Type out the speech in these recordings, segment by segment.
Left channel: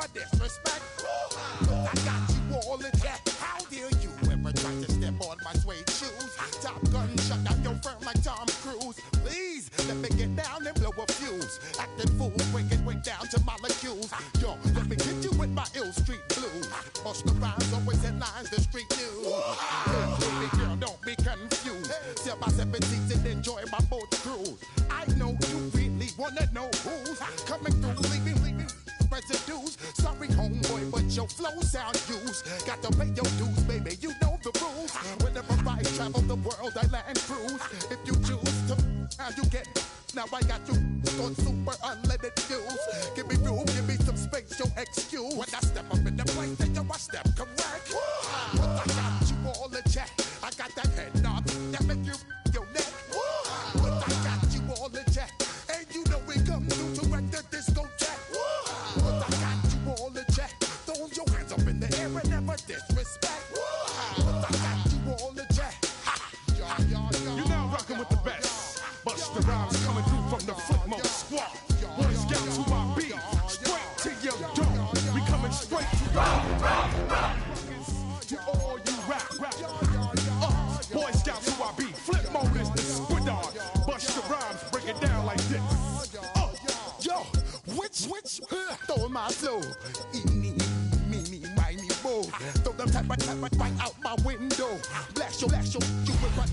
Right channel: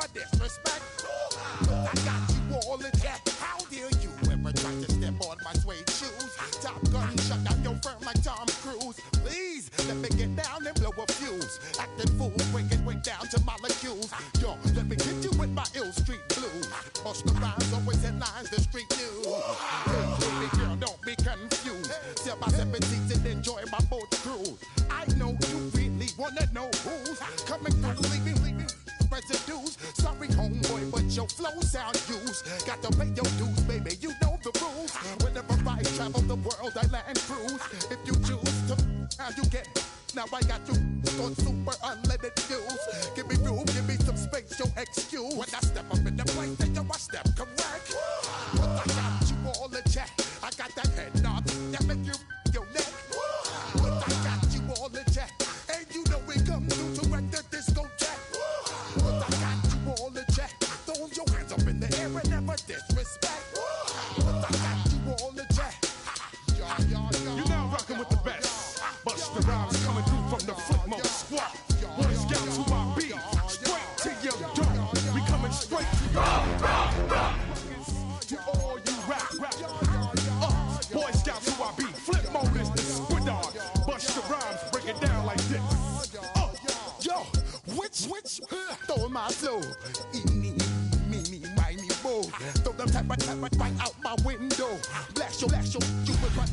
never disrespect. But I got you all in check. How dare you ever try to step on my suede shoes? Top Gun shut down your firm like Tom Cruise. Please let me get down and blow a fuse. Acting fool, breaking way down to molecules. Yo, let me get you with my ill street blues. Bust the rhymes, always headlines, the street news. Hey, baby girl, don't be confused. Sell my 17s and enjoy my boat cruise. I know you really wanna know who's coming through, leaving residues. Sorry, homeboy, but your flow sound used. Got to pay your dues, baby, you know the rules. Whenever I travel the world, I land cruise. If you choose to, how you get. Now I got you on super unleaded fuels. Give me room, give me some space, your excuse. When I step up in the place, then yo, I step correct. But I got you all in check. I got that head knob that make you your neck. But I got you all in check. And you know we come through to wreck the discotheque. But I got you all in check. Throw your hands up in the air and never disrespect. But I got you all in check. You're now rocking with the best. Busta Rhymes coming through from the Footmo squad. Boy Scouts who I be. Straight to your door. We coming straight to your door. To all you rap. Boy Scouts who I be. Flip mode is the squid dog. Busta Rhymes break it down like this. Yo, which, throw my flow. Eeny, meeny, miny, mo. Throw them type right out my window. Blast you with my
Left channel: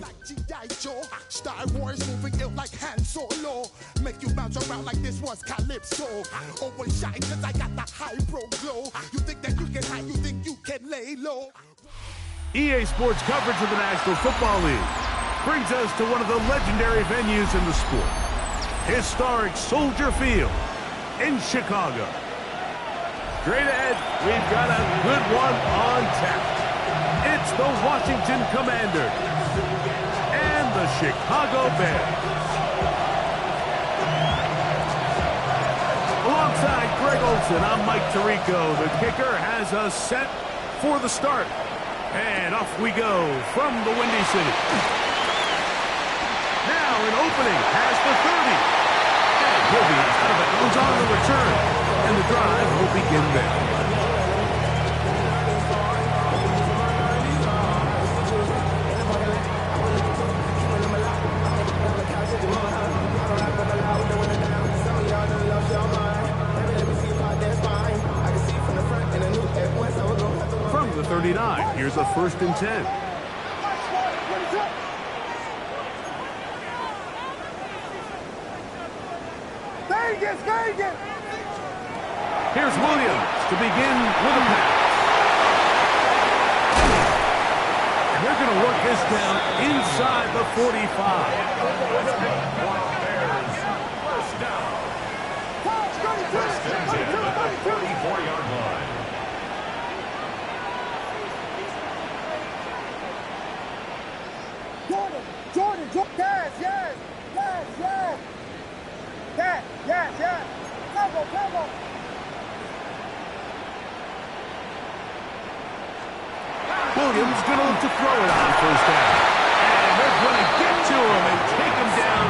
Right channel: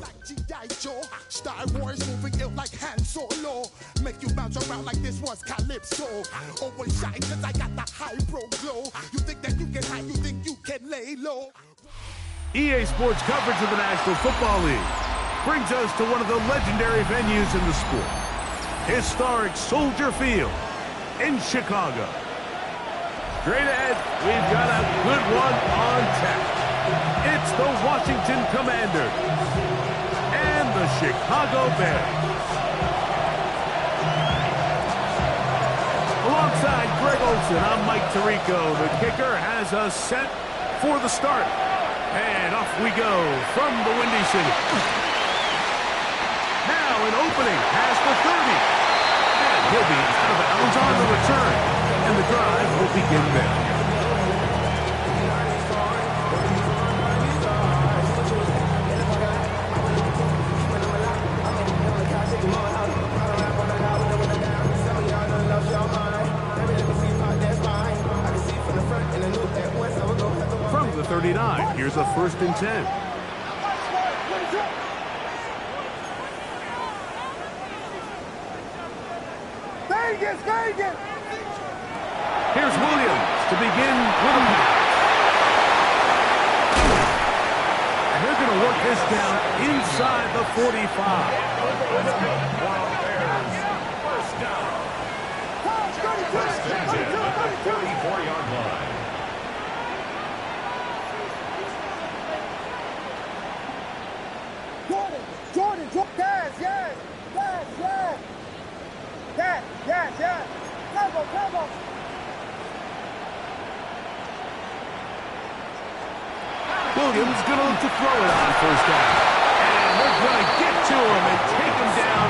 like G.I. Joe. Star Wars moving ill like Han Solo. Make you bounce around like this was Calypso. Always shine cause I got the high pro glow. You think that you can hide, you think you can lay low. EA Sports coverage of the National Football League brings us to one of the legendary venues in the sport. Historic Soldier Field in Chicago. Straight ahead, we've got a good one on tap. It's the Washington Commanders and the Chicago Bears. Alongside Greg Olson, I'm Mike Tirico. The kicker has us set for the start. And off we go from the Windy City. Now an opening past the 30. And he'll be out of bounds on the return. And the drive will begin there. From the 39, here's a 1st and 10. Vegas! Here's Williams to begin with a pass. And they're going to work this down inside the 45. First down. First and 10 at the 44-yard line. Jordan, yes. Cover. Williams going to look to throw it on 1st down. And they're going to get to him and take him down,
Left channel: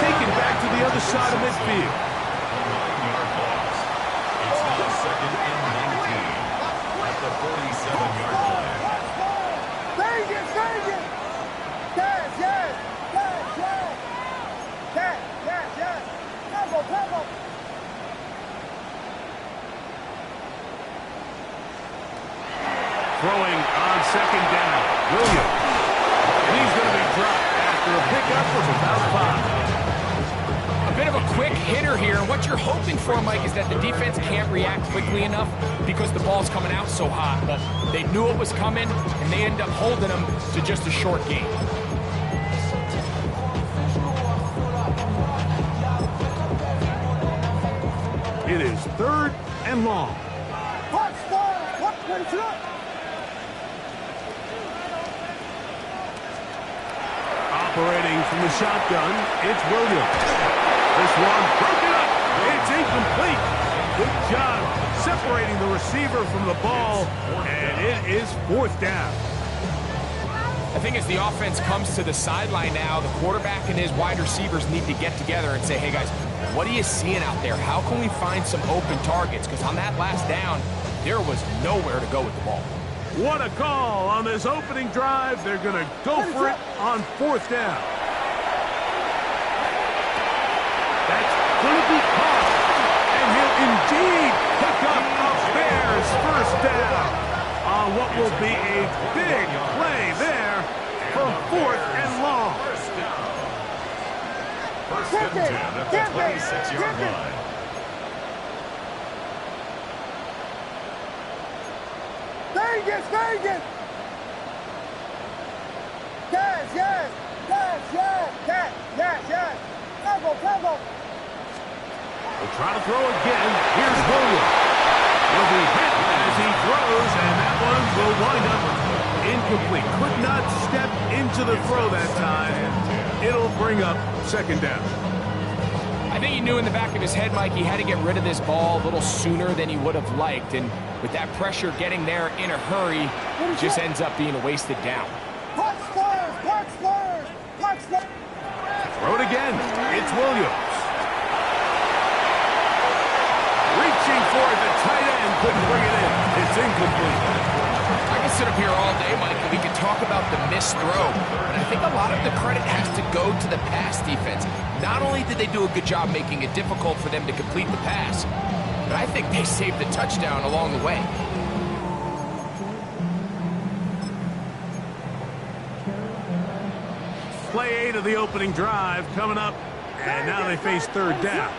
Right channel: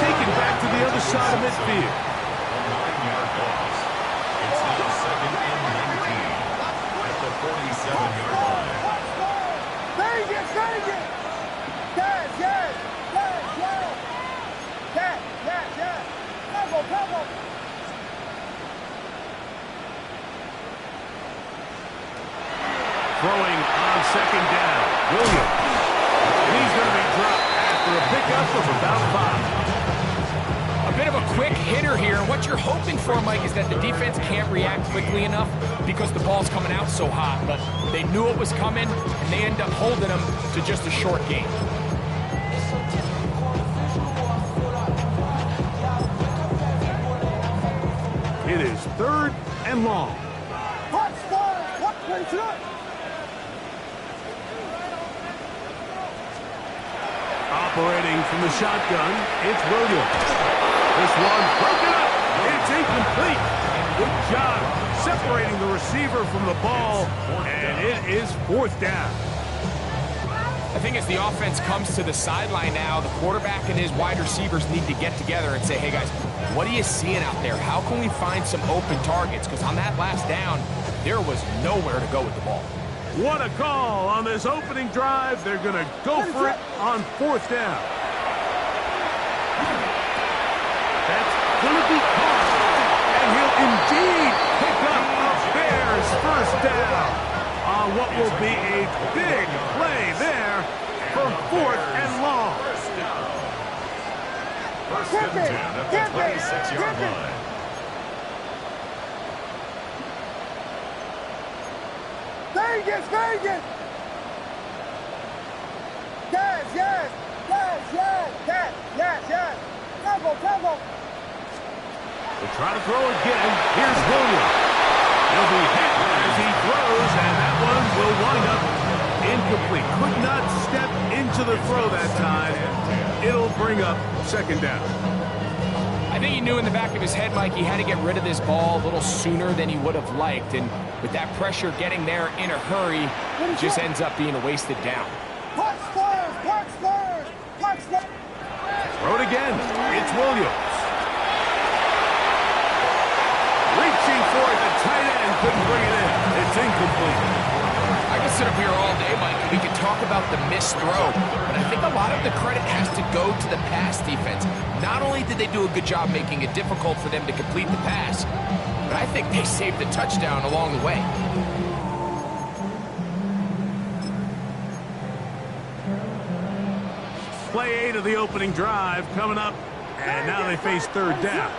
take him back to the other side of midfield. A 9-yard loss. It's now 2nd and 19 at the 47-yard line. Vegas! Yes! Cover! Throwing on 2nd down, Williams. And he's going to be dropped after a pickup of about 5. A bit of a quick hitter here, and what you're hoping for, Mike, is that the defense can't react quickly enough because the ball's coming out so hot. But they knew it was coming, and they end up holding them to just a short gain. It is 3rd and long. Operating from the shotgun, it's Williams. This one broken up. It's incomplete. Good job separating the receiver from the ball, and it is 4th down. I think as the offense comes to the sideline now, the quarterback and his wide receivers need to get together and say, hey, guys, what are you seeing out there? How can we find some open targets? Because on that last down, there was nowhere to go with the ball. What a call on this opening drive. They're going to go for it on 4th down. That's going to be caught. And he'll indeed pick up a Bears first down on what will be a big play there for 4th and long. First and 10 at the 26-yard line. Vegas, Vegas! Yes, yes, yes, yes, yes, yes, yes. Tempo, tempo. We'll try to throw again. Here's Williams. He'll be hit as he throws, and that one will wind up incomplete. Could not step into the throw that time. It'll bring up 2nd down. I think he knew in the back of his head, Mike, he had to get rid of this ball a little sooner than he would have liked. And with that pressure getting there in a hurry, it just ends up being a wasted down. Punch first, punch first, punch first. Throw it again. It's Williams. Reaching for it, the tight end couldn't bring it in. It's incomplete. I could sit up here all day, Mike, and we could talk about the missed throw, but I think a lot of the credit has to go to the pass defense. Not only did they do a good job making it difficult for them to complete the pass, but I think they saved the touchdown along the way. Play 8 of the opening drive coming up, and now they face 3rd down.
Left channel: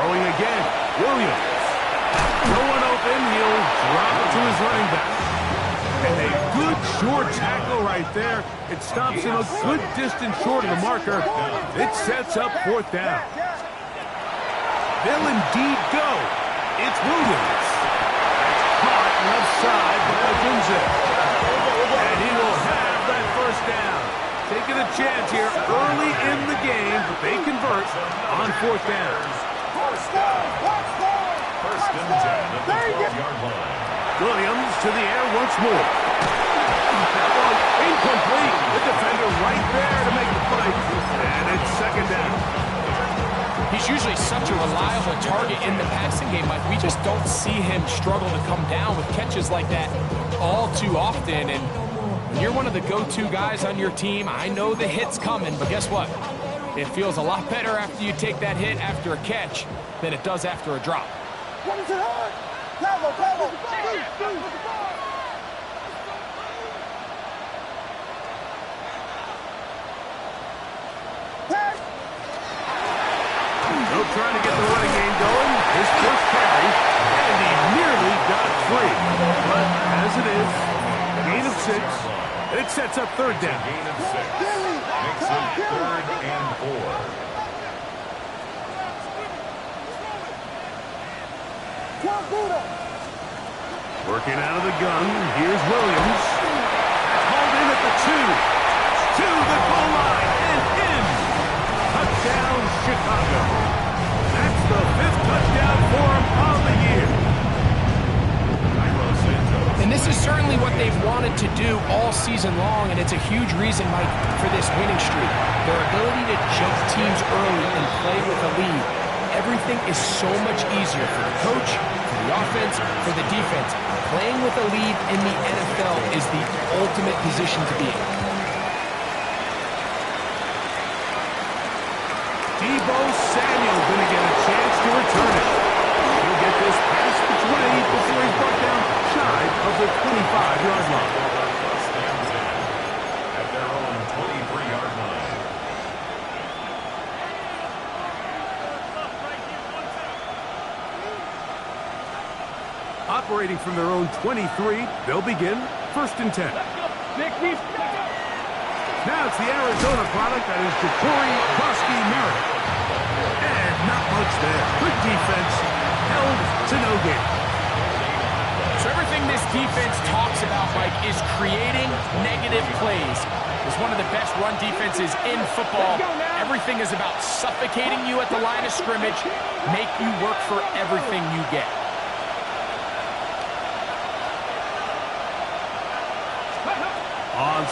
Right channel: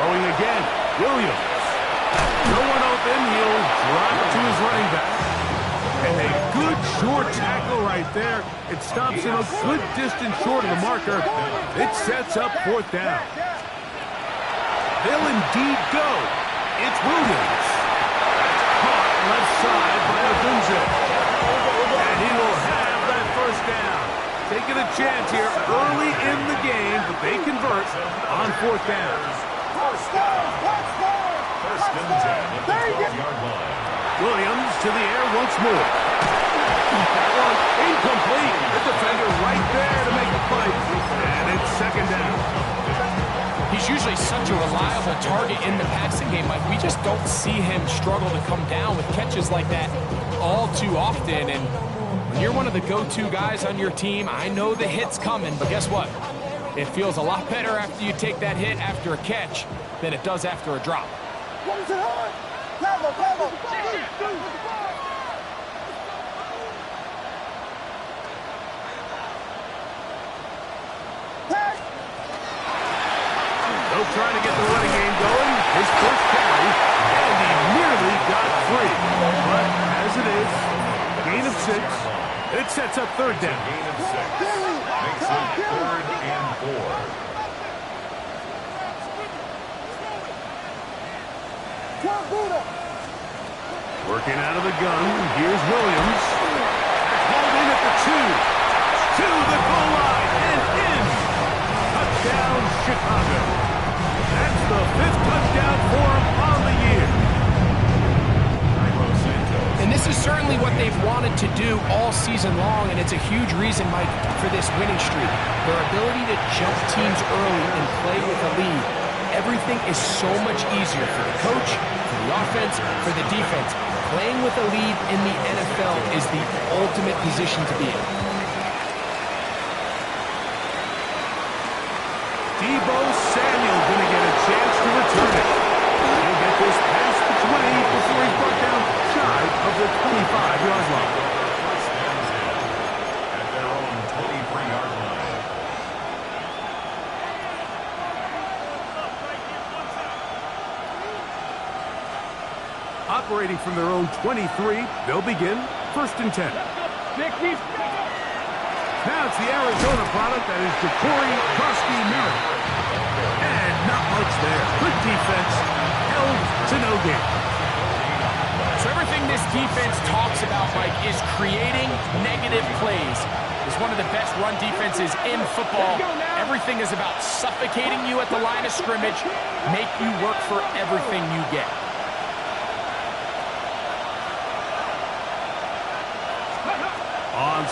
Throwing again, Williams. No one open, he'll drop it to his running back. And a good short tackle right there. It stops him a good distance short of the marker. It sets up 4th down. They'll indeed go. It's Williams. That's caught left side by Odunze. And he will have that 1st down. Taking a chance here early in the game, but they convert on 4th down. First and 10 at the 12-yard line. Williams to the air once more. That one incomplete. The defender right there to make the play. And it's 2nd down. He's usually such a reliable target in the passing game, Mike. We just don't see him struggle to come down with catches like that all too often. And when you're one of the go-to guys on your team, I know the hit's coming, but guess what? It feels a lot better after you take that hit after a catch than it does after a drop. What is it on? Tempo, tempo. They'll try to get the running game going. His first carry, and he nearly got free. But as it is, a gain of 6. It sets up 3rd down. Gain of 6. Makes it 3rd and 4. Working out of the gun. Here's Williams. That's hauled in at the 2. To the goal line and in. Touchdown, Chicago. That's the 5th touchdown for him on the year. And this is certainly what they've wanted to do all season long, and it's a huge reason, Mike, for this winning streak. Their ability to jump teams early and play with a lead. Everything is so much easier for the coach, for the offense, for the defense. Playing with a lead in the NFL is the ultimate position to be in. Deebo Samuel going to get a chance to return it. He'll get this past the 20 before he's brought down shy of the 25-yard line. First and 10 at their own 23-yard line. Operating from their own 23, they'll begin 1st and 10. Now it's the Arizona product that is Ja'Cory Krosky-Merritt. And not much there. Good defense, held to no gain. So everything this defense talks about, Mike, is creating negative plays. It's one of the best run defenses in football. Everything is about suffocating you at the line of scrimmage, make you work for everything you get.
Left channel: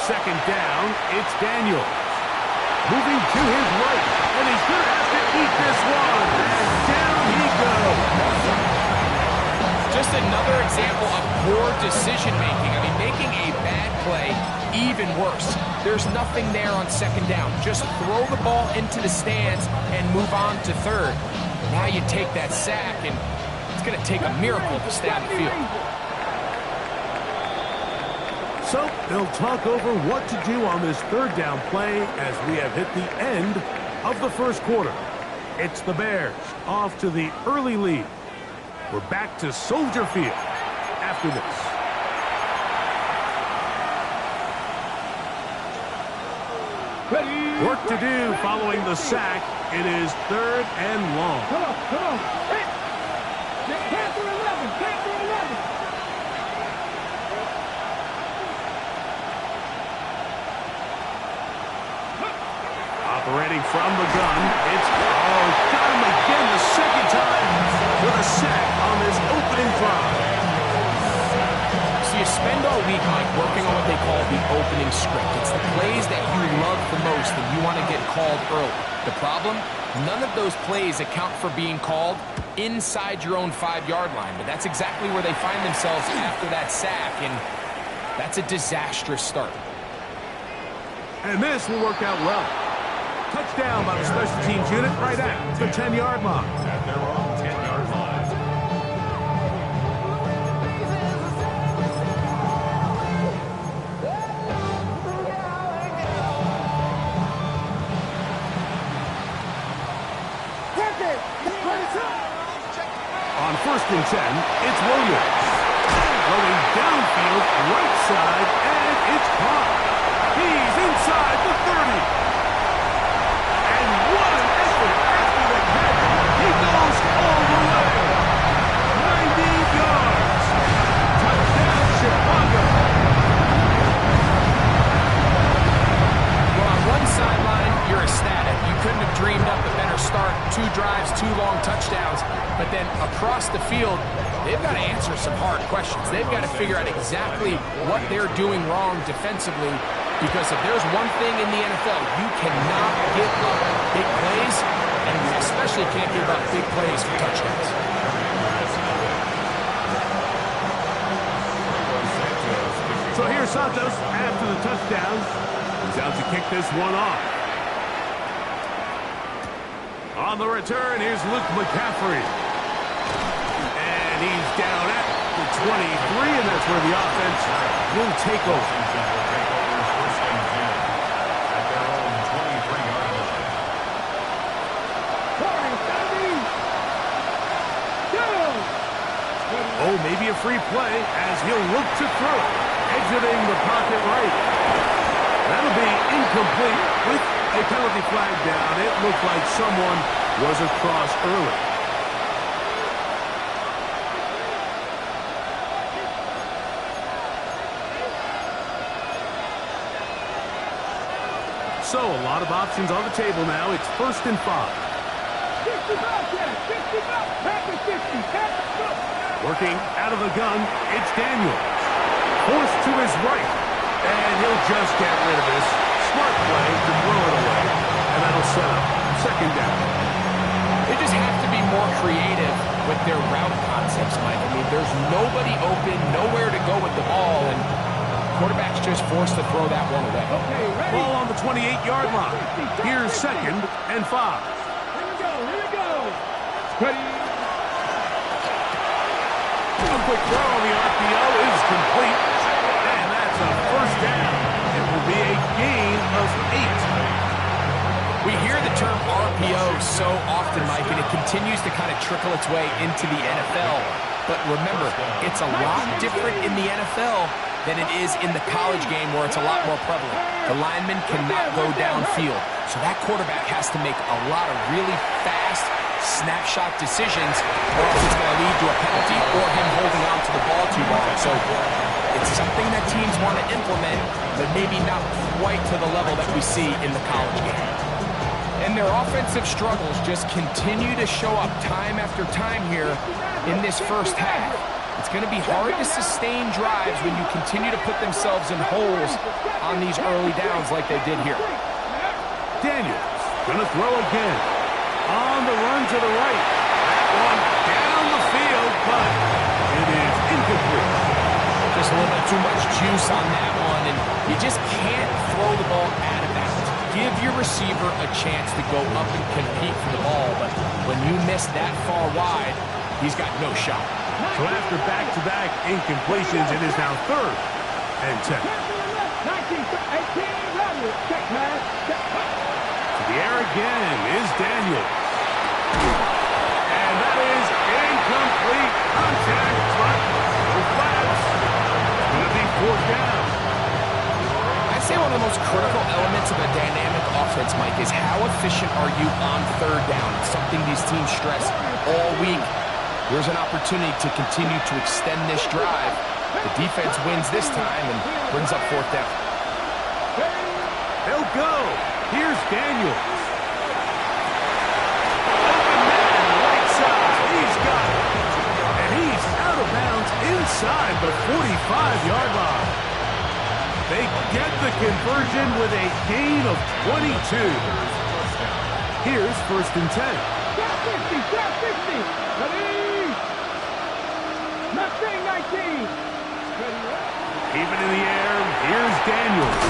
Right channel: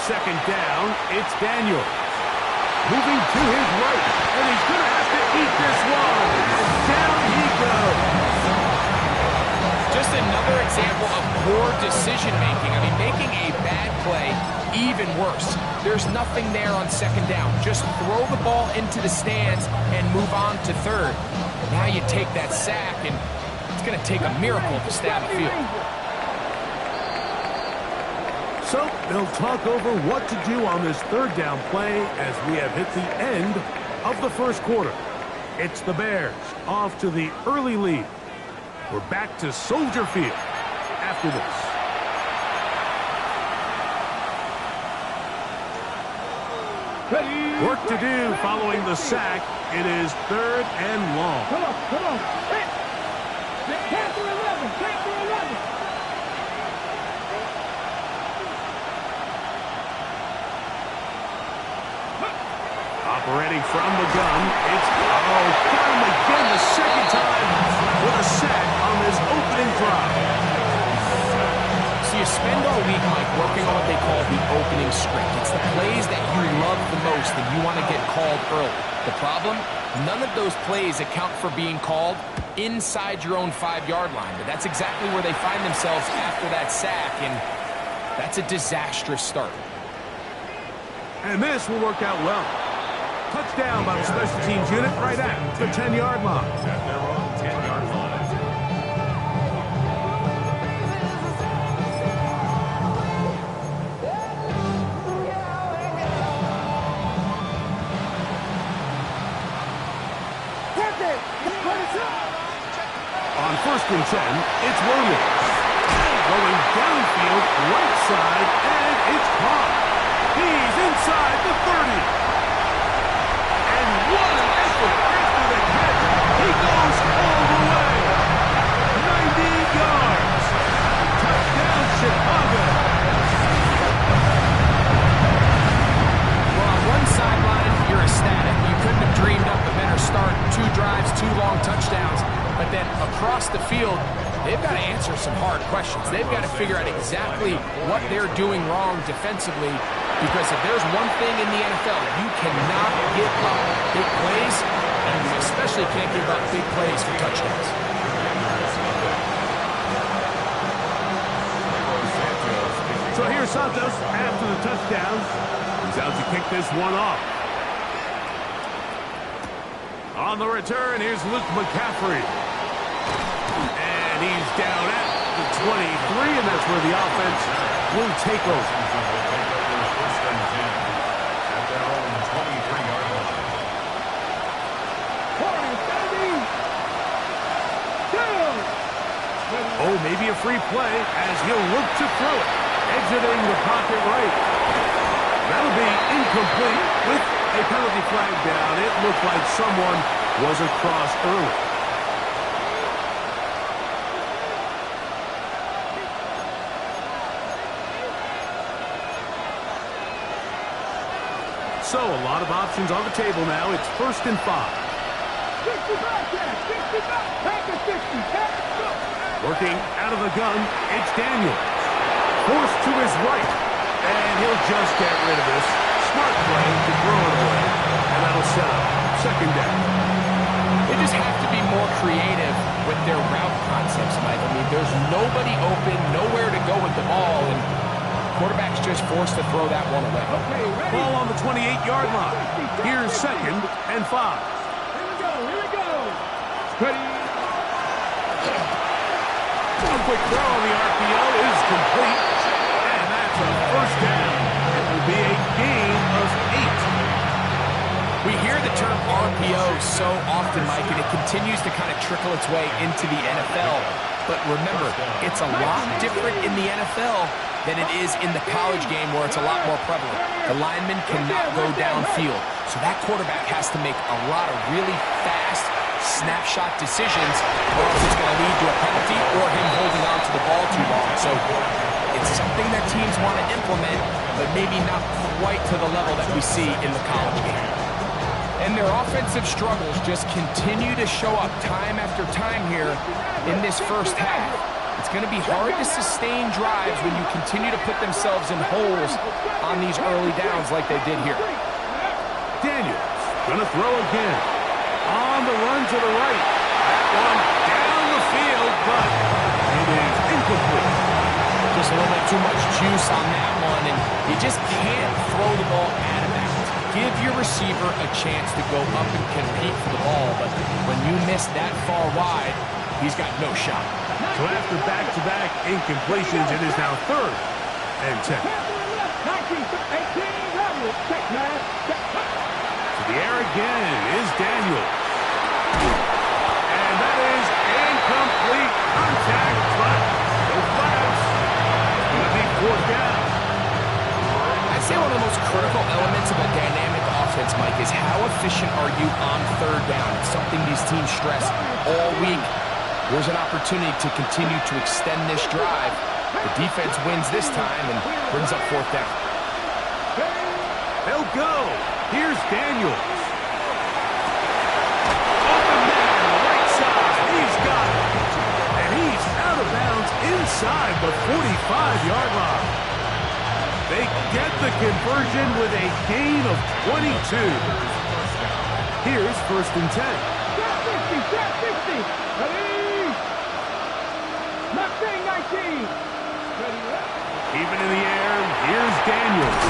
second down, it's Daniels. Moving to his right, and he's going to have to eat this one. And down he goes. Just another example of poor decision-making. I mean, making a bad play even worse. There's nothing there on second down. Just throw the ball into the stands and move on to third. Now you take that sack, and it's going to take a miracle to stay on the field. So they'll talk over what to do on this third down play as we have hit the end of the first quarter. It's the Bears off to the early lead. We're back to Soldier Field after this. Work to do following the sack. It is 3rd and long. Come on, come on. Hey. Panther 11, Panther 11. Operating from the gun, it's, got him again the second time with a sack on this opening drive. So you spend all week, Mike, working on what they call the opening script. It's the plays that you love the most and you want to get called early. The problem? None of those plays account for being called inside your own 5-yard line. But that's exactly where they find themselves after that sack, and that's a disastrous start. And this will work out well. Touchdown by the special teams unit right at the 10-yard line. At their own 10-yard line. On 1st and 10, it's Williams. Going downfield, right side, and it's caught. He's inside the 30. And what an effort after the catch. He goes all the way. 90 yards. Touchdown, Chicago. Well, on one sideline, you're ecstatic. You couldn't have dreamed up a better start. 2 drives, 2 long touchdowns. But then across the field, they've got to answer some hard questions. They've got to figure out exactly what they're doing wrong defensively, because if there's one thing in the NFL, you cannot give up big plays, and you especially can't give up big plays for touchdowns. So here's Santos after the touchdown. He's out to kick this one off. On the return, here's Luke McCaffrey. And he's down at the 23, and that's where the offense will take over. Washington will take over 1st and 10 at their own 23-yard line. Oh, maybe a free play as he'll look to throw it. Exiting the pocket right. That'll be incomplete with a penalty flag down. It looked like someone was across early. So a lot of options on the table now. It's 1st and 5. 65, 65, pack of 60, pack of 60. Working out of the gun, it's Daniels. Forced to his right. And he'll just get rid of this. Smart play to throw it away. And that'll set up 2nd down. They just have to be more creative with their route concepts, Mike. I mean, there's nobody open, nowhere to go with the ball, and quarterback's just forced to throw that one away. Okay, ready? Ball on the 28-yard line. Here's 2nd and 5. Here we go, here we go. Ready? A quick throw on the RPO is complete. And that's a 1st down. It will be a gain of 8. We hear the term RPO so often, Mike, and it continues to kind of trickle its way into the NFL. But remember, it's a lot different in the NFL than it is in the college game where it's a lot more prevalent. The lineman cannot go downfield. So that quarterback has to make a lot of really fast snapshot decisions, or else it's going to lead to a penalty or him holding on to the ball too long. So it's something that teams want to implement, but maybe not quite to the level that we see in the college game. And their offensive struggles just continue to show up time after time here in this first half. It's it's going to be hard to sustain drives when you continue to put themselves in holes on these early downs like they did here. Daniels going to throw again. On the run to the right. That one down the field, but it is incomplete. Just a little bit too much juice on that one, and you just can't throw the ball out of bounds. Give your receiver a chance to go up and compete for the ball, but when you miss that far wide, he's got no shot. So after back-to-back incompletions, it is now 3rd and 10. 19, 18, check, man. To the air again is Daniels. And that is incomplete contact, but no flags. It's going to be 4th down. I'd say one of the most critical elements of a dynamic offense, Mike, is how efficient are you on 3rd down? It's something these teams stress all week. Here's an opportunity to continue to extend this drive. The defense wins this time and brings up 4th down. They'll go. Here's Daniels. Open man, right side. He's got it. And he's out of bounds inside the 45-yard line. They get the conversion with a gain of 22. Here's 1st and 10. 60. Ready? Mustang 19. Keep it in the air. Here's Daniels.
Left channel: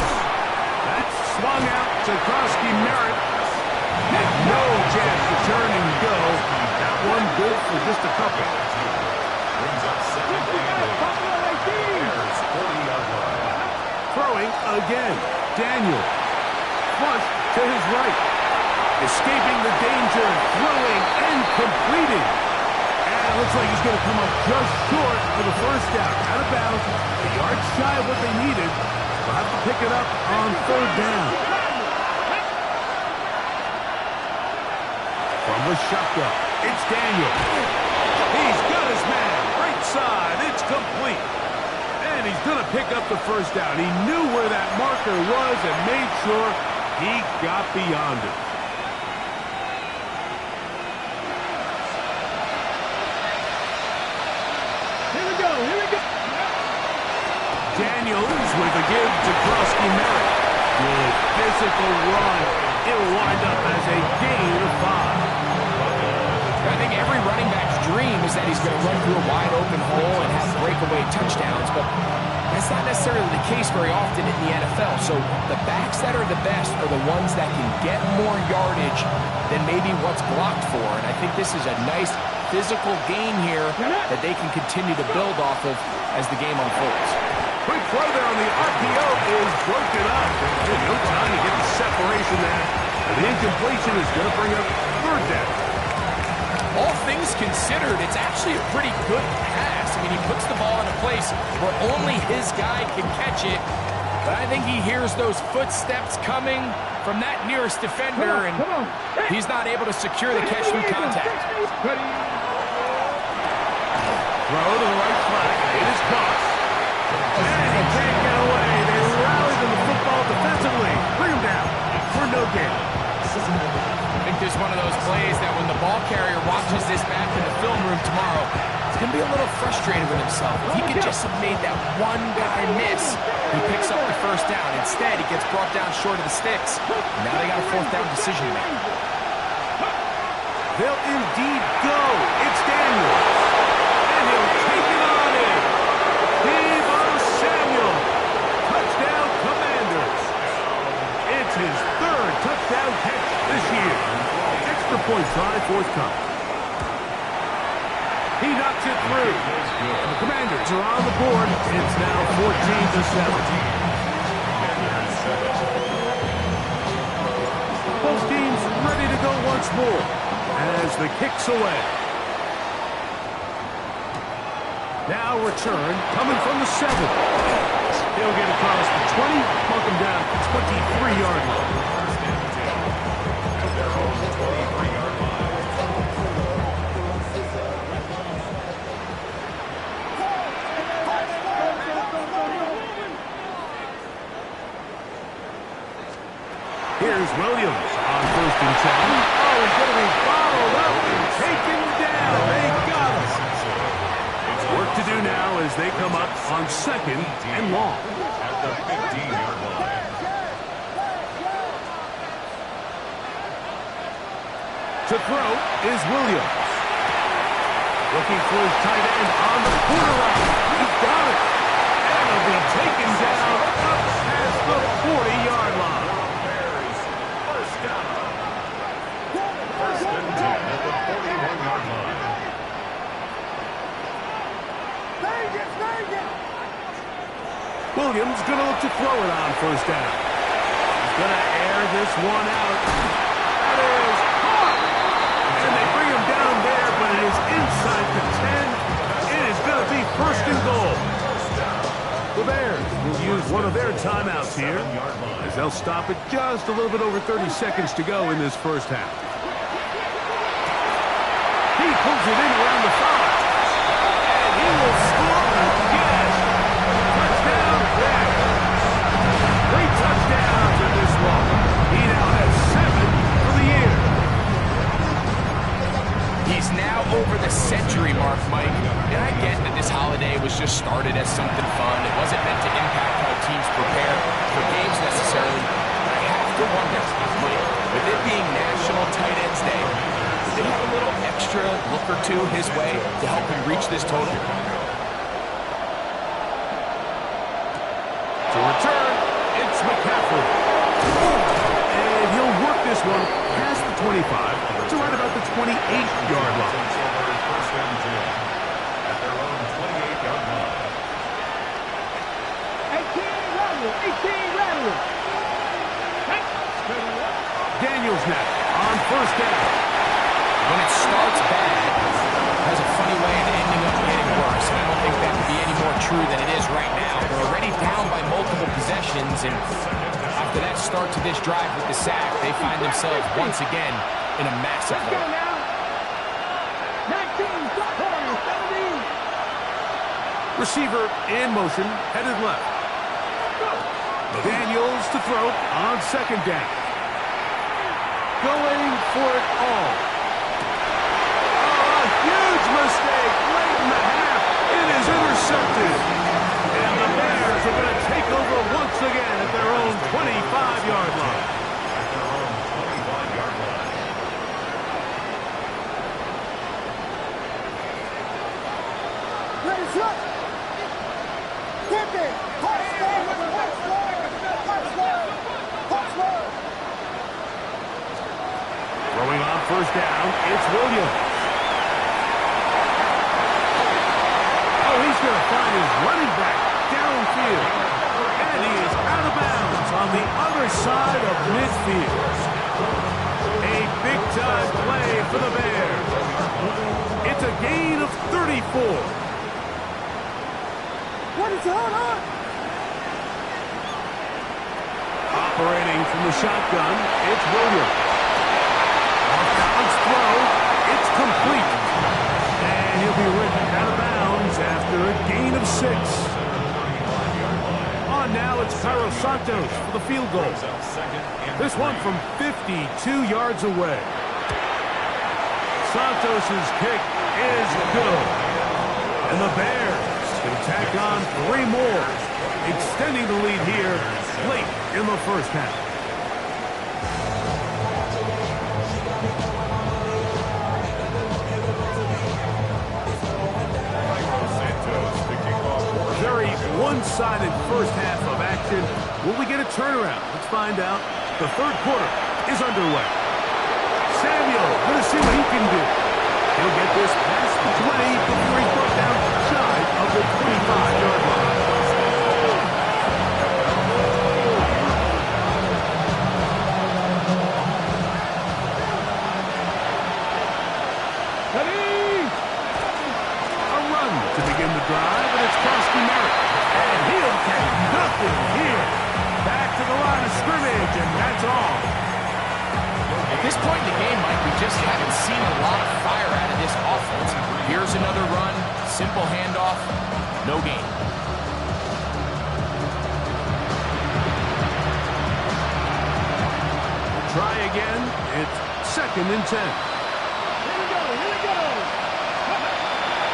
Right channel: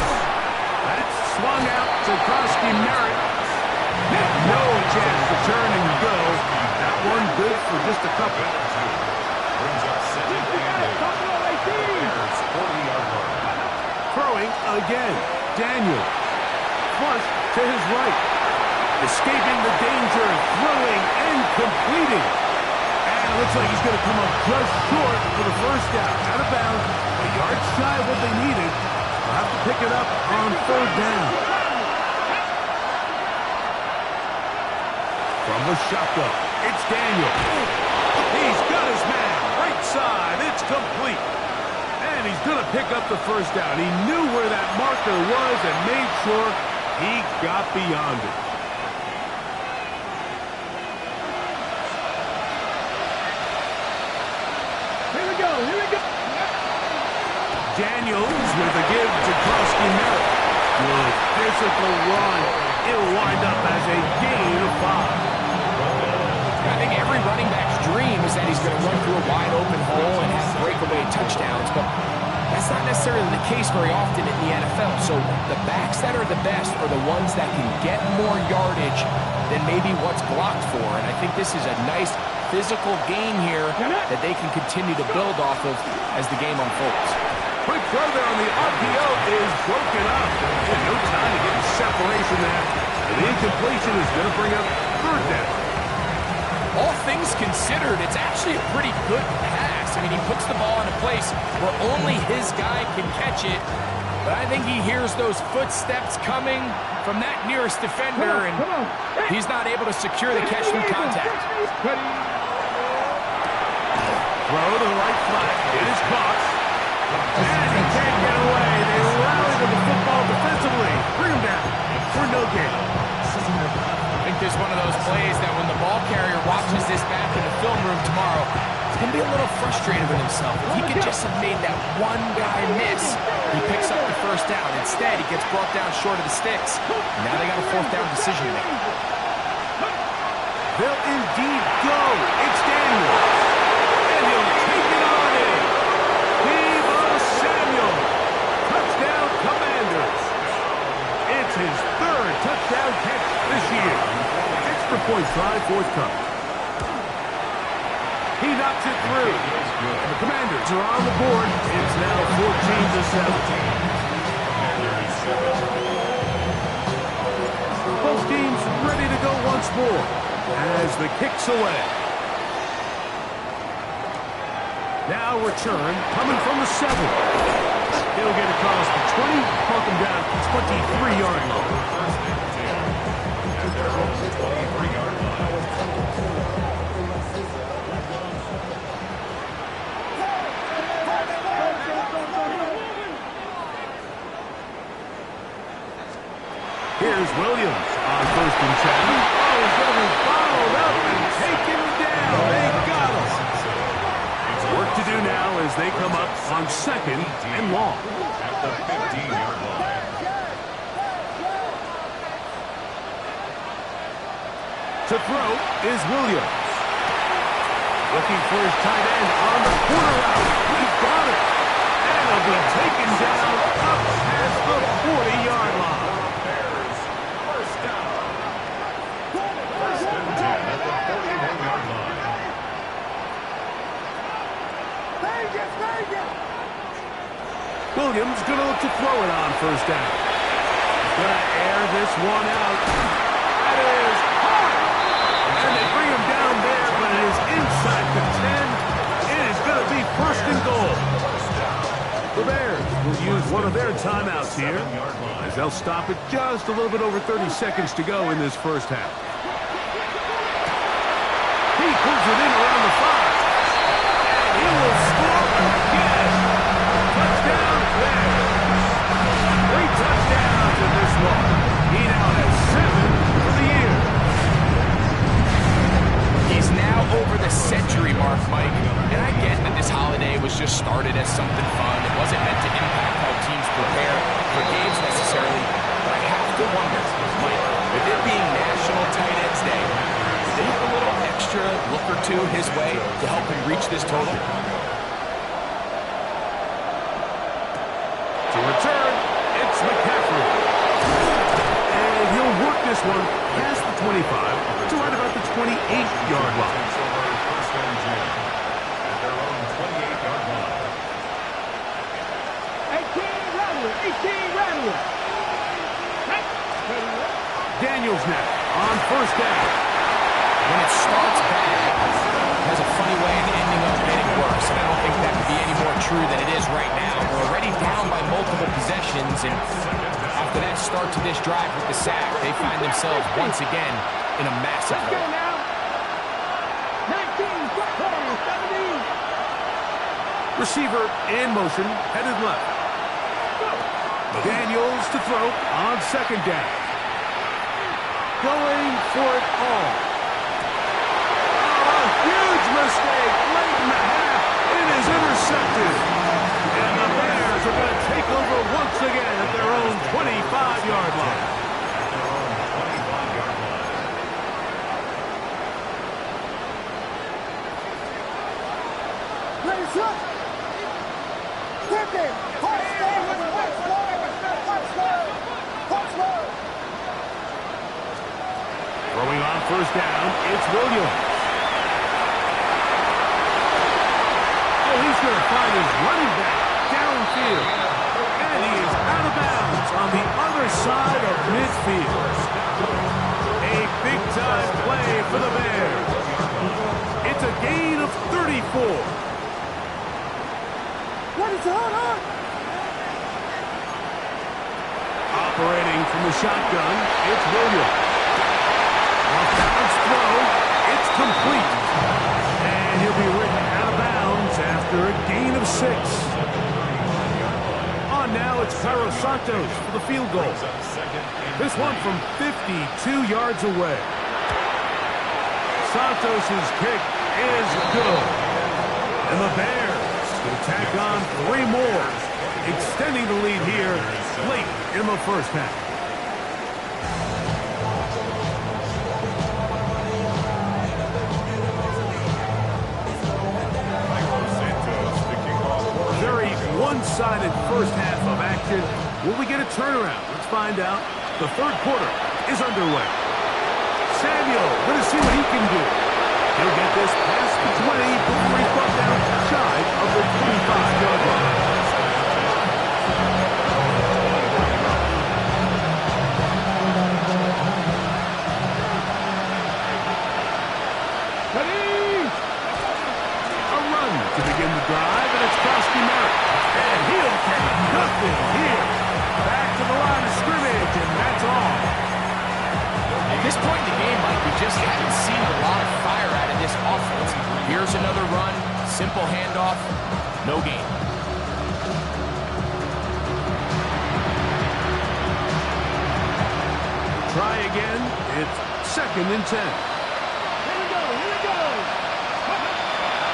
That's swung out to Krosky Merritt. And no chance to turn and go. That one good for just a couple. Brings up 2nd and 8. Bears 40-yard line. Throwing again. Daniel. Flush to his right. Escaping the danger. Throwing and completing. And it looks like he's going to come up just short of the 1st down. Out of bounds. A yard shy of what they needed. They'll have to pick it up on 3rd down. From the shotgun, it's Daniel. He's got his man. Right side. It's complete. And he's going to pick up the 1st down. He knew where that marker was and made sure he got beyond it. Here we go. Daniels with a give to Krosky Merritt. Good physical run. It'll wind up as a gain of 5. I think every running back's dream is that he's going to run through a wide open hole and have breakaway touchdowns, but that's not necessarily the case very often in the NFL. So the backs that are the best are the ones that can get more yardage than maybe what's blocked for, and I think this is a nice physical gain here that they can continue to build off of as the game unfolds. Quick throw there on the RPO is broken up. No time to get the separation there. And the incompletion is going to bring up 3rd down. All things considered, it's actually a pretty good pass. I mean, he puts the ball in a place where only his guy can catch it. But I think he hears those footsteps coming from that nearest defender, and he's not able to secure the catch through contact. Throw to the right flat. It is caught. And he can't get away. They rally to the football defensively. Bring him down for no gain. I think there's one of those plays that when the ball carrier watches this back in the film room tomorrow, he's going to be a little frustrated with himself. If he could just have made that one guy miss, he picks up the 1st down. Instead, he gets brought down short of the sticks. And now they got a 4th down decision to make. They'll indeed go. It's Daniels. And he'll take it on in. Deebo Samuel. Touchdown Commanders. It's his 3rd touchdown catch this year. Extra point try forthcoming. He knocks it through. And the Commanders are on the board. It's now 14-7. Both teams ready to go once more as the kick's away. Now return coming from the 7. He'll get across the 20, mark him down at the 23-yard line. At their own 23-yard line. Here's Williams on 1st and 10. Oh, he's going to be followed up and taken down. They got him. Worked to do now as they come up on 2nd and long. At the 15-yard line. To throw is Williams. Looking for his tight end on the corner route. He's got it. And he'll be taken down up past the 40-yard line. Bears, first down. First and 10 at the 41-yard line. Williams going to look to throw it on first down. He's going to air this one out. That is caught. And they bring him down there, but it is inside the 10. It is going to be first and goal. The Bears will use one of their timeouts here as they'll stop it just a little bit over 30 seconds to go in this first half. He pulls it in around the 5. And he will score again. Touchdown Bears. 3 touchdowns in this one. He now has 7 for the year. He's now over the century mark, Mike. And I get that this holiday was just started as something fun. It wasn't meant to impact how teams prepare for games necessarily. But I have to wonder, Mike, with it being National Tight Ends Day, did they have a little extra look or two his way to help him reach this total? To return, it's McCaffrey. And he'll work this one past the 25 to right about the 28-yard line. Takes over first and 10 at their own 28-yard line. 18 Rattler. Daniels now on first down. When it starts bad, it has a funny way of ending up getting worse. And I don't think that could be any more true than it is right now. They're already down by multiple possessions, and after that start to this drive with the sack, they find themselves once again in a massive hole. Now. 19, 17. Receiver in motion, headed left. Daniels to throw on second down. Going for it all. Oh, a huge mistake late in the half. It is intercepted. And the Bears are going to take over once again at their own 25-yard line. At their own 25-yard line. Ready, set. Quicken. Throwing on first down, it's Williams. Oh, he's going to find his running back downfield. And he is out of bounds on the other side of midfield. A big-time play for the Bears. It's a gain of 34. What is on? Operating from the shotgun, it's Williams. Off-balance throw, it's complete. And he'll be written out of bounds after a gain of 6. On now, it's Cairo Santos for the field goal. This one from 52 yards away. Santos' kick is good. And the Bears going to tack on 3 more, extending the lead here late in the first half. Very one-sided first half of action. Will we get a turnaround? Let's find out. The third quarter is underway. Samuel going to see what he can do. He'll get this past the 20 before he's brought down shy of the 25-yard line. A run to begin the drive, and it's Krosky Merritt. And he'll get nothing here. Back to the line of scrimmage, and that's all. At this point in the game, Mike, we just haven't seen a lot of fire out of this offense. Here's another run, simple handoff, no gain. Try again. It's 2nd and 10. Here we go.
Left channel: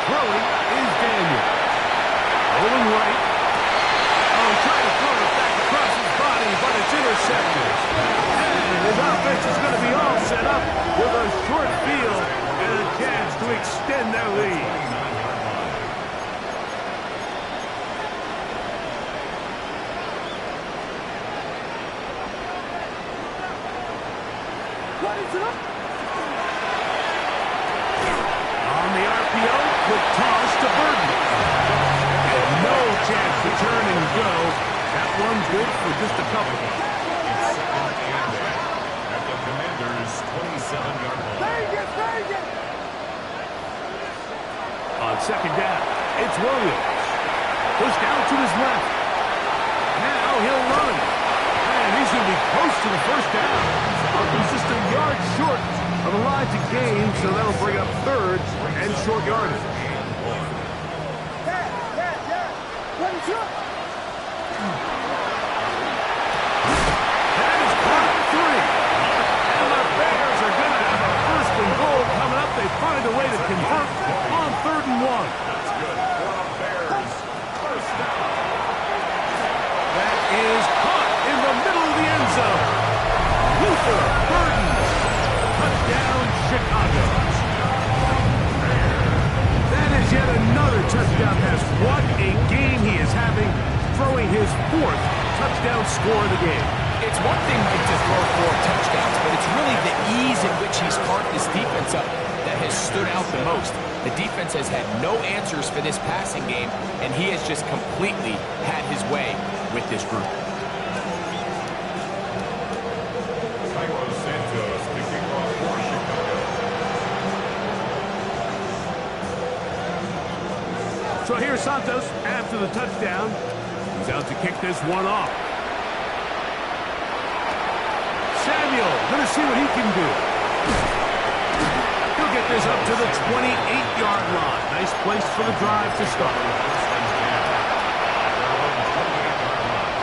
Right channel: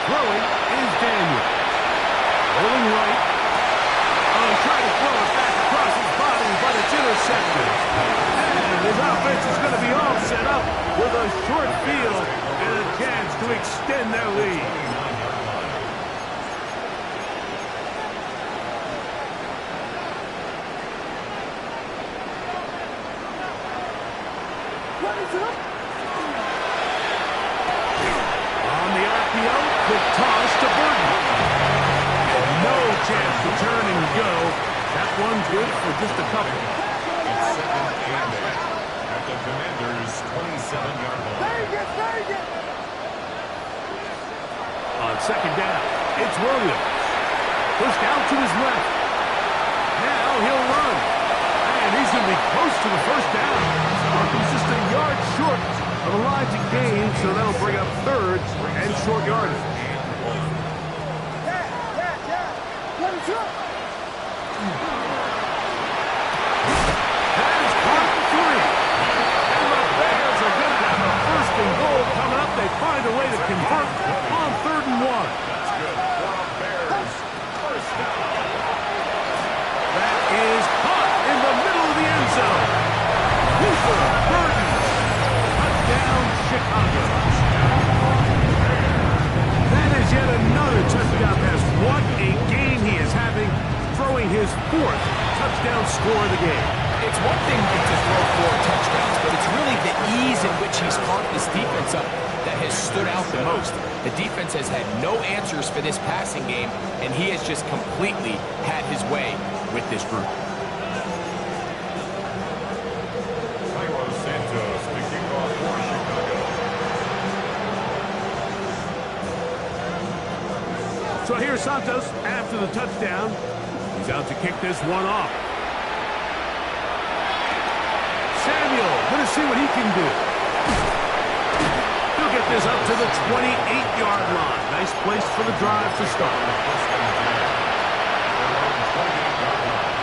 Throwing is Daniel. Rolling right. Oh, he tried to throw it back across his body, but it's intercepted. And his offense is going to be all set up with a short field and a chance to extend their lead. 29-yard line. On the RPO, quick toss to Burton. And no chance to turn and go. That one's good for just a couple. It's second and 10 at the Commanders' 27-yard line. On second down, it's Williams. Pushed out to his left. Now he'll run. And he's going to be close to the first down. He's just a yard short of the line to gain, so that'll bring up third and short yardage. That is caught at 3. And the Bears are going to have a first and goal coming up. They find a way to convert on 3rd and 1. That's good for a Bears first down. That is caught in the middle of the end zone. Luther Burton. Touchdown, Chicago. That is yet another touchdown pass. What a game he is having, throwing his 4th touchdown score of the game. It's one thing, Mike, to throw 4 touchdowns, but it's really the ease in which he's carved this defense up that has stood out the most. The defense has had no answers for this passing game, and he has just completely had his way with this group. Cairo Santos to kick off for Chicago. So here's Santos after the touchdown. He's out to kick this one off. Samuel going to see what he can do. He'll get this up to the 28-yard line. Nice place for the drive to start. First and 10 at their own 28-yard line.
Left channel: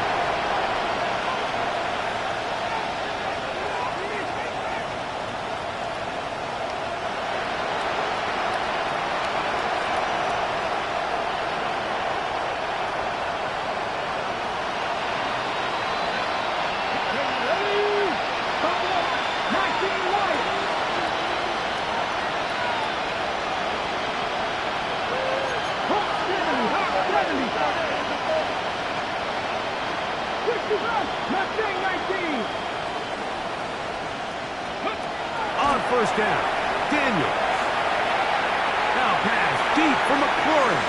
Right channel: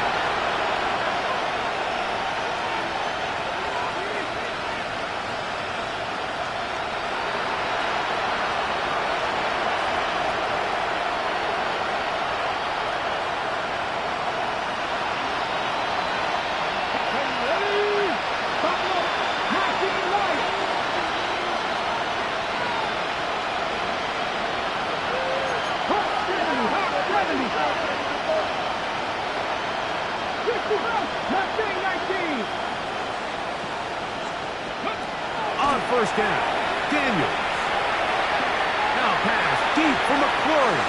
On first down, Daniels. Now pass deep for McLaurin.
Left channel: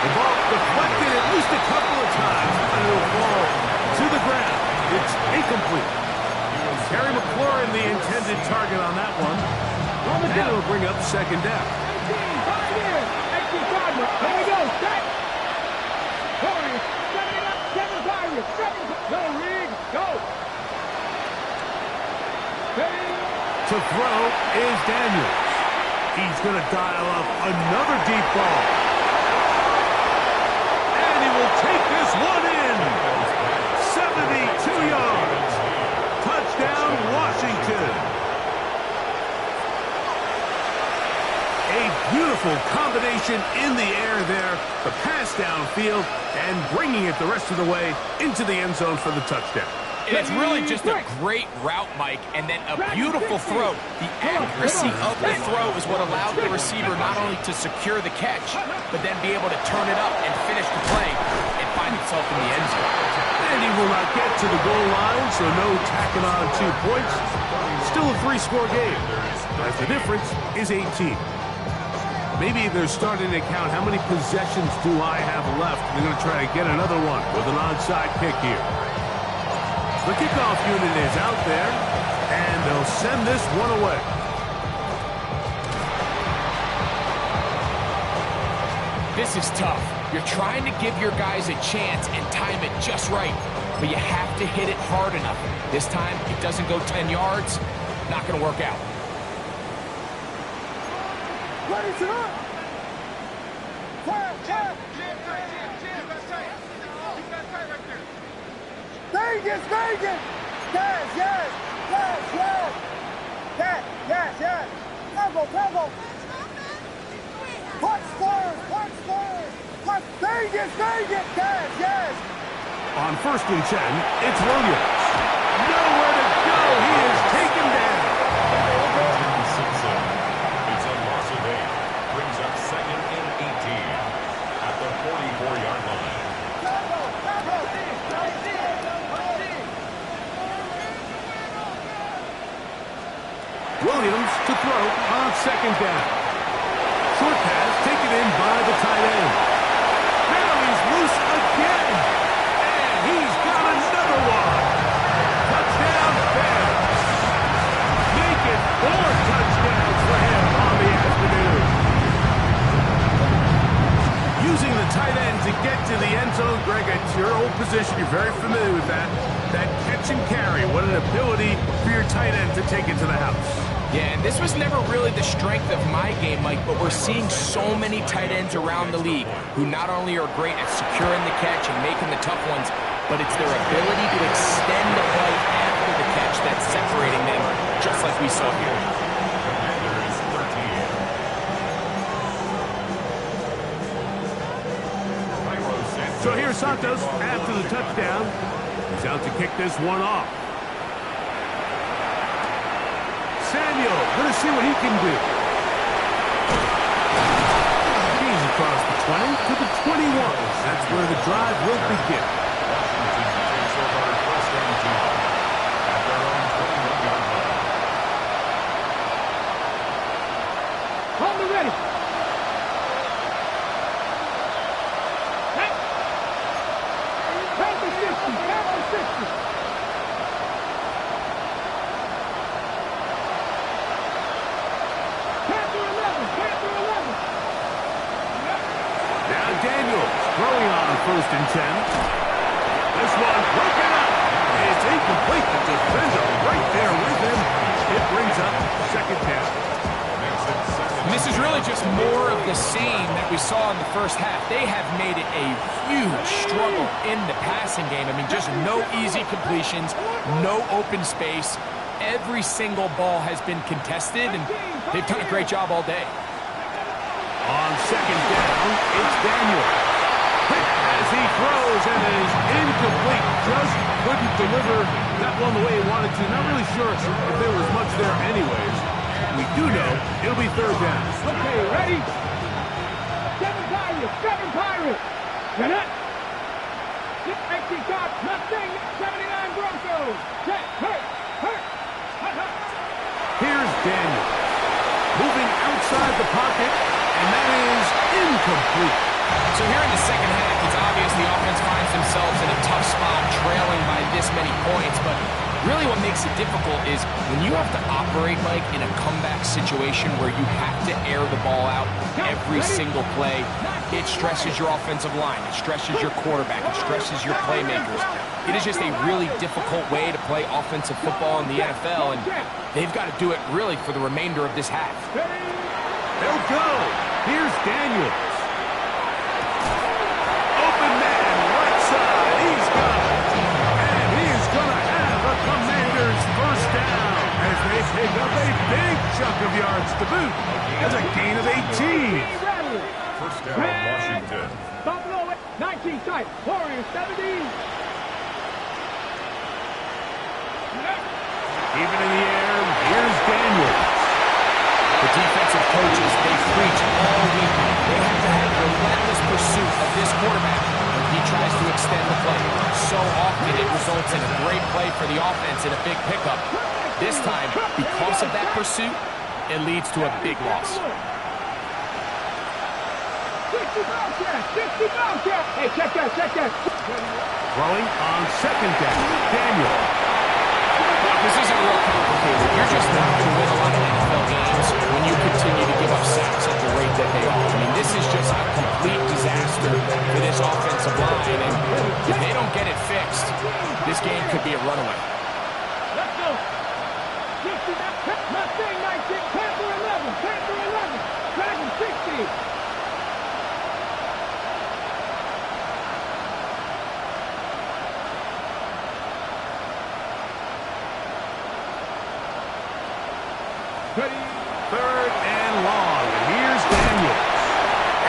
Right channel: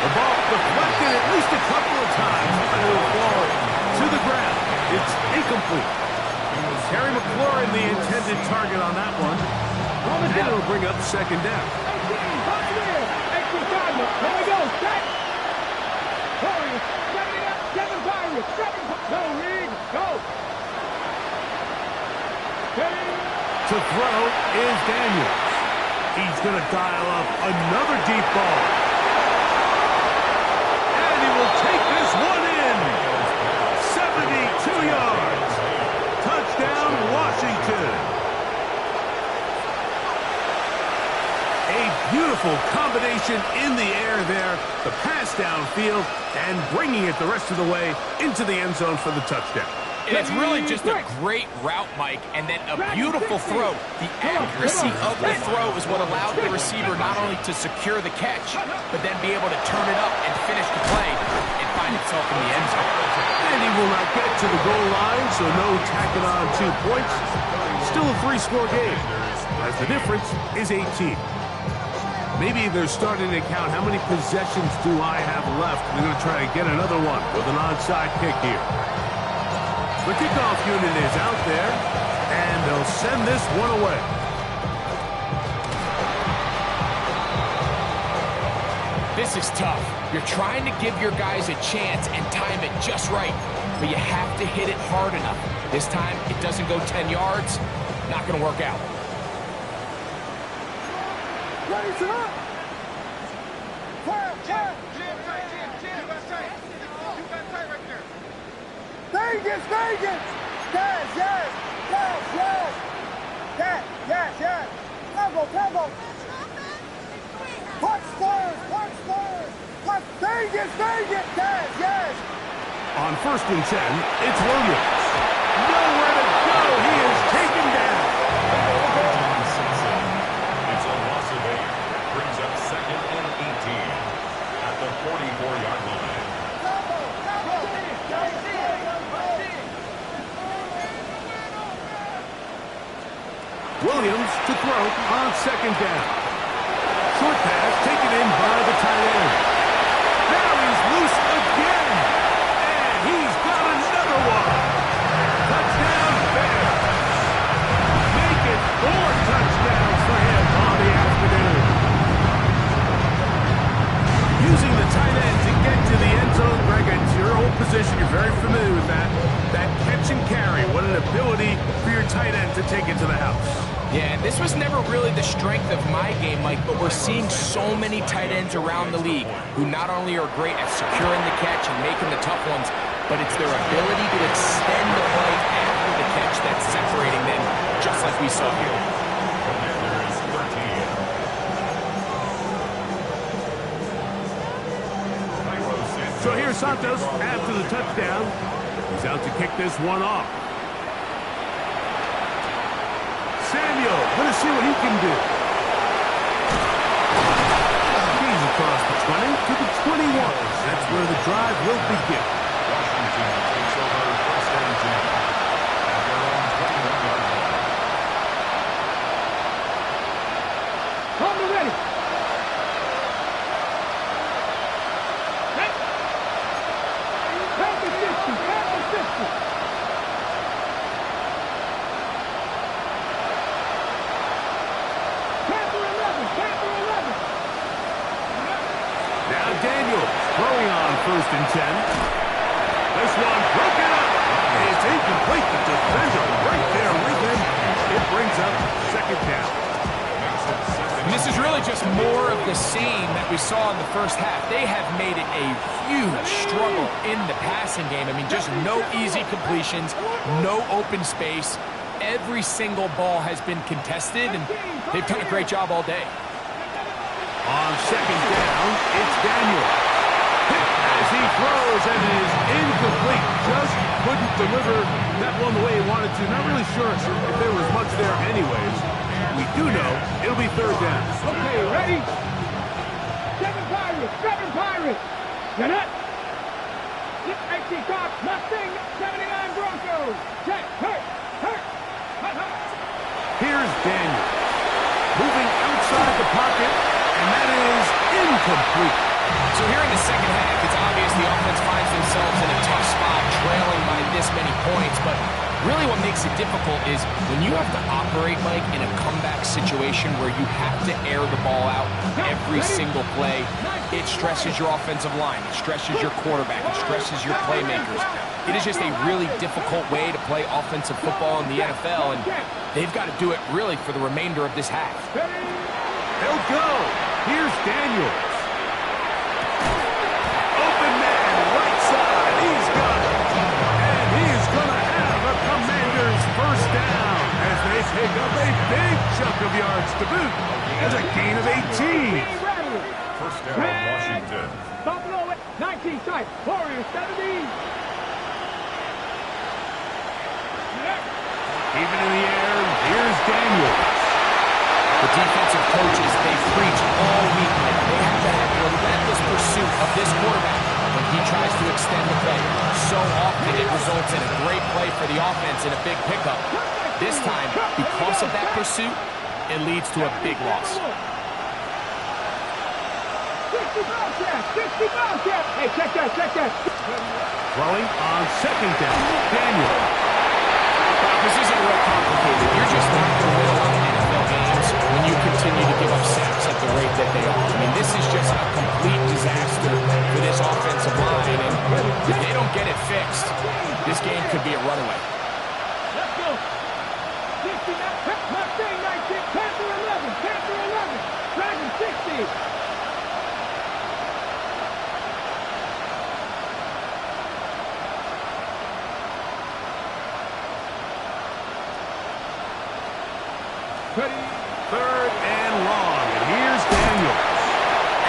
The ball deflected at least a couple of times, but it'll fall to the ground. It's incomplete. Terry McLaurin, the intended target on that one. And it'll bring up second down. 18, here we go, set. Warriors, 7 it up, 7 Pirates, 7, go, Reed, go. To throw is Daniels. He's going to dial up another deep ball. And he will take this one in. 72 yards. Touchdown, Washington. A beautiful combination in the air there. The pass downfield and bringing it the rest of the way into the end zone for the touchdown. And it's really just a great route, Mike, and then a beautiful throw. The accuracy of the throw is what allowed the receiver not only to secure the catch, but then be able to turn it up and finish the play and find himself in the end zone. And he will not get to the goal line, so no tacking on 2 points. Still a 3-score game, as the difference is 18. Maybe they're starting to count how many possessions do I have left. They're going to try to get another one with an onside kick here. The kickoff unit is out there, and they'll send this one away. This is tough. You're trying to give your guys a chance and time it just right, but you have to hit it hard enough. This time, it doesn't go 10 yards. Not going to work out. Ready, sir. Fire, fire. Vegas, Vegas. Yes, yes, yes, yes. Yes, yes, yes. Tempo, tempo. Punch first! Punch first! Punch! Vegas! Vegas! Yes! On 1st and 10, it's Williams. Nowhere to go. He is taken down. It's a loss of 8. Brings up 2nd and 18 at the 44-yard line. Williams to throw on 2nd down. Short pass taken in by the tight end. Now he's loose again. And he's got another one. Touchdown Bears. Make it 4 touchdowns for him on the afternoon. Using the tight end to get to the end zone, Greg, it's your old position. You're very familiar with that. That catch and carry. What an ability for your tight end to take it to the house. Yeah, and this was never really the strength of my game, Mike, but we're seeing so many tight ends around the league who not only are great at securing the catch and making the tough ones, but it's their ability to extend the play after the catch that's separating them, just like we saw here. Commanders 13. So here's Santos after the touchdown. He's out to kick this one off. Samuel, going to see what he can do. He's across the 20 to the 21. That's where the drive will begin. Washington takes over 1st and 10 at their own 21-yard line. Hold me ready. Panther 60. Panther 60. Panther 11. Panther 11. Now Daniels throwing on 1st and 10. This one broken up. It's incomplete. The defender right there with him. It brings up 2nd down. And this is really just more of the same that we saw in the first half. They have made it a huge struggle in the passing game. I mean, just no easy completions, no open space. Every single ball has been contested, and they've done a great job all day. On 2nd down, it's Daniel. Hit as he throws, and it is incomplete. Just couldn't deliver that one the way he wanted to. Not really sure if there was much there anyways. We do know it'll be 3rd down. Okay, ready? 7 Pirates. 7 Pirates. Get it? XC Cox, Mustang, 79 Broncos. Check. Hurt. Here's Daniel. Moving outside the pocket, and that is incomplete. So here in the second half, it's obvious the offense finds themselves in a tough spot, trailing by this many points. But really what makes it difficult is when you have to operate, Mike, in a comeback situation where you have to air the ball out every single play, it stresses your offensive line. It stresses your quarterback. It stresses your playmakers. It is just a really difficult way to play offensive football in the NFL, and they've got to do it really for the remainder of this half. They'll go. Here's Daniels. Open man, right side. He's got it. And he's going to have a Commanders 1st down as they pick up a big chunk of yards to boot. As a gain of 18. 1st down, Washington. Buffalo 19 side. Warriors 70. Even in the air, here's Daniels. The defensive coaches, they preach all week, Mike. They have to have relentless pursuit of this quarterback when he tries to extend the play. So often it results in a great play for the offense and a big pickup. This time, because of that pursuit, it leads to a big loss. 60 Bobcat. Hey, check that. Throwing on 2nd down, Daniel. This isn't real complicated. You're just not going to win a lot of NFL games when you continue to give up sacks at the rate that they are. I mean, this is just a complete disaster for this offensive line, and if they don't get it fixed, this game could be a runaway. Let's go. 60 Mustang 19, Panther 11, Dragon 60. Ready. 3rd and long, and here's Daniels.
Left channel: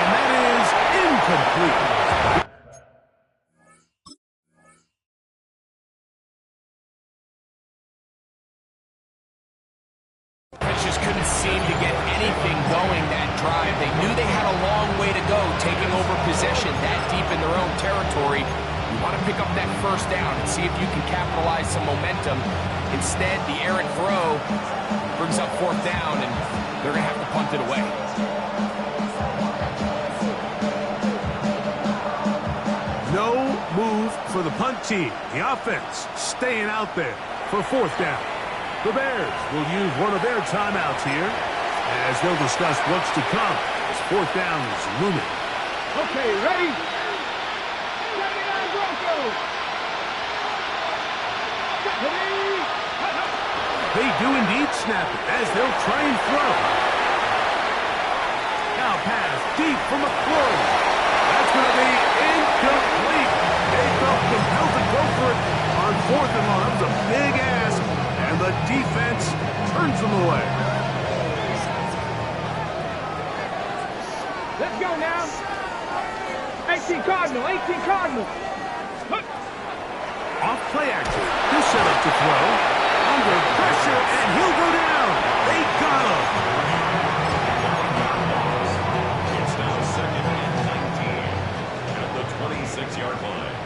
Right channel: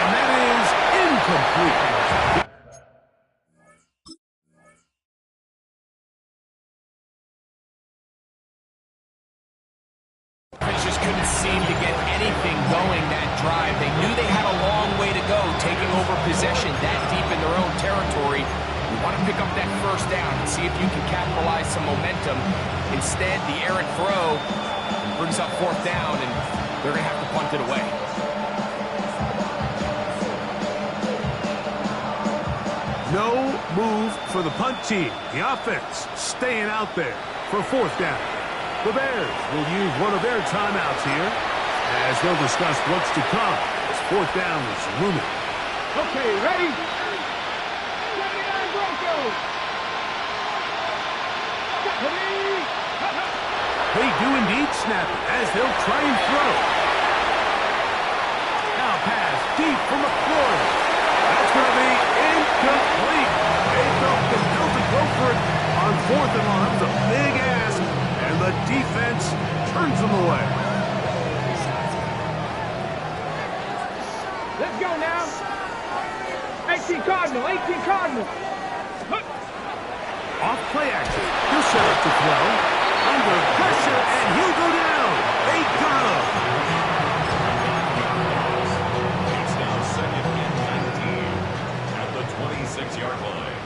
And that is incomplete. Just couldn't seem to get anything going that drive. They knew they had a long way to go taking over possession that deep in their own territory. You want to pick up that first down and see if you can capitalize some momentum. Instead, the errant throw brings up fourth down, and they're going to have to punt it away. No move for the punt team. The offense staying out there for fourth down. The Bears will use one of their timeouts here as they'll discuss what's to come as fourth down is looming. Okay, ready? 79 Broncos. They do indeed snap it as they'll try and throw. Now pass deep from McLaurin. That's going to be incomplete. They felt compelled to go for it on fourth and long. That was a big ask, and the defense turns them away. Let's go now. 18 Cardinal, 18 Cardinal. Off play action. He'll set up to throw. Under pressure, and he'll go down. They got him. It's now second and 19 at the 26-yard line.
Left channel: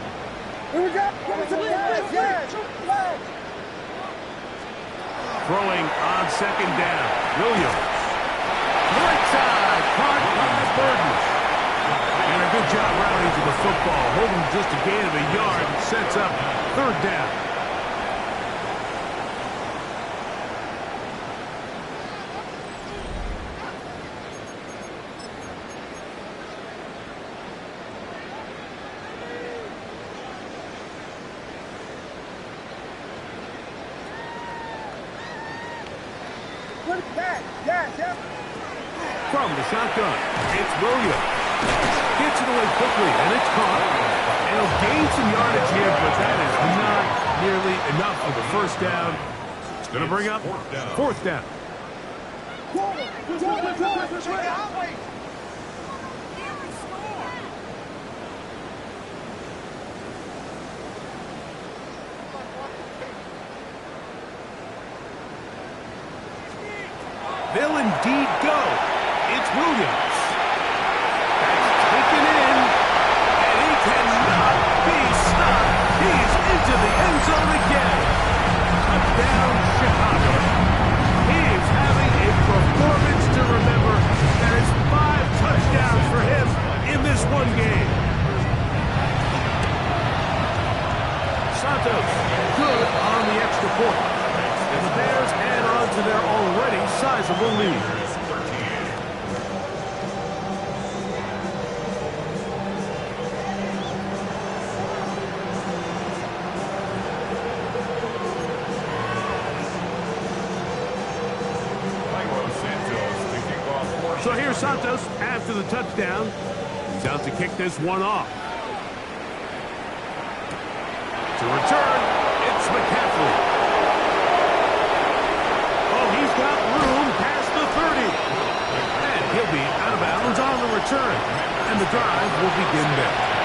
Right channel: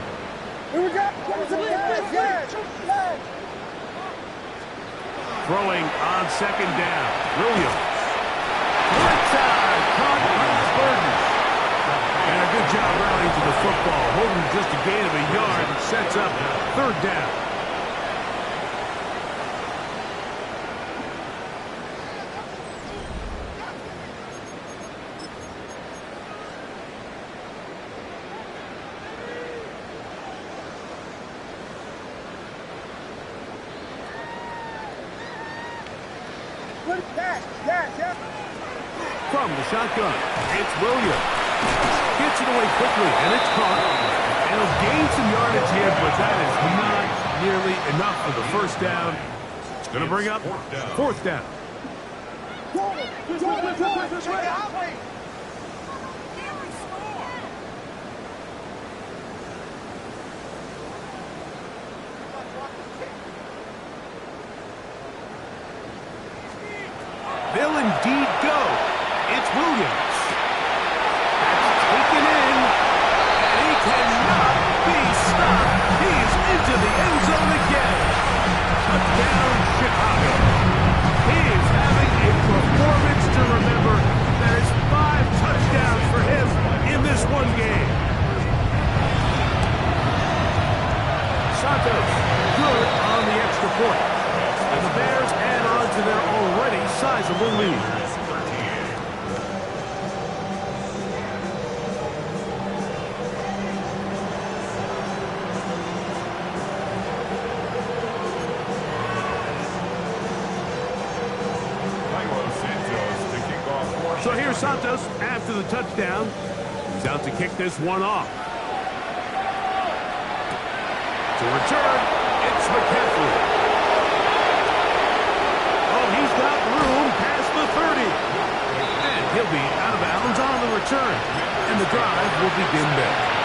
Throwing on second down. Williams. Right side. Caught by Burton. And a good job rallying to the football. Holding just a gain of a yard and sets up third down. From the shotgun, it's Williams. Gets it away quickly, and it's caught. And he'll gain some yardage here, but that is not nearly enough for the first down. It's going to bring up fourth down. They'll indeed go. It's Williams. That's taken in, and he cannot be stopped. He's into the end zone again. Touchdown, Chicago. He is having a performance to remember. That is 5 touchdowns for him in this one game. Santos, good on the extra point. And the Bears add on to their already sizable lead. So here's Santos after the touchdown. He's out to kick this one off. To return, it's McCaffrey. Oh, he's got room past the 30. And he'll be out of bounds on the return. And the drive will begin there.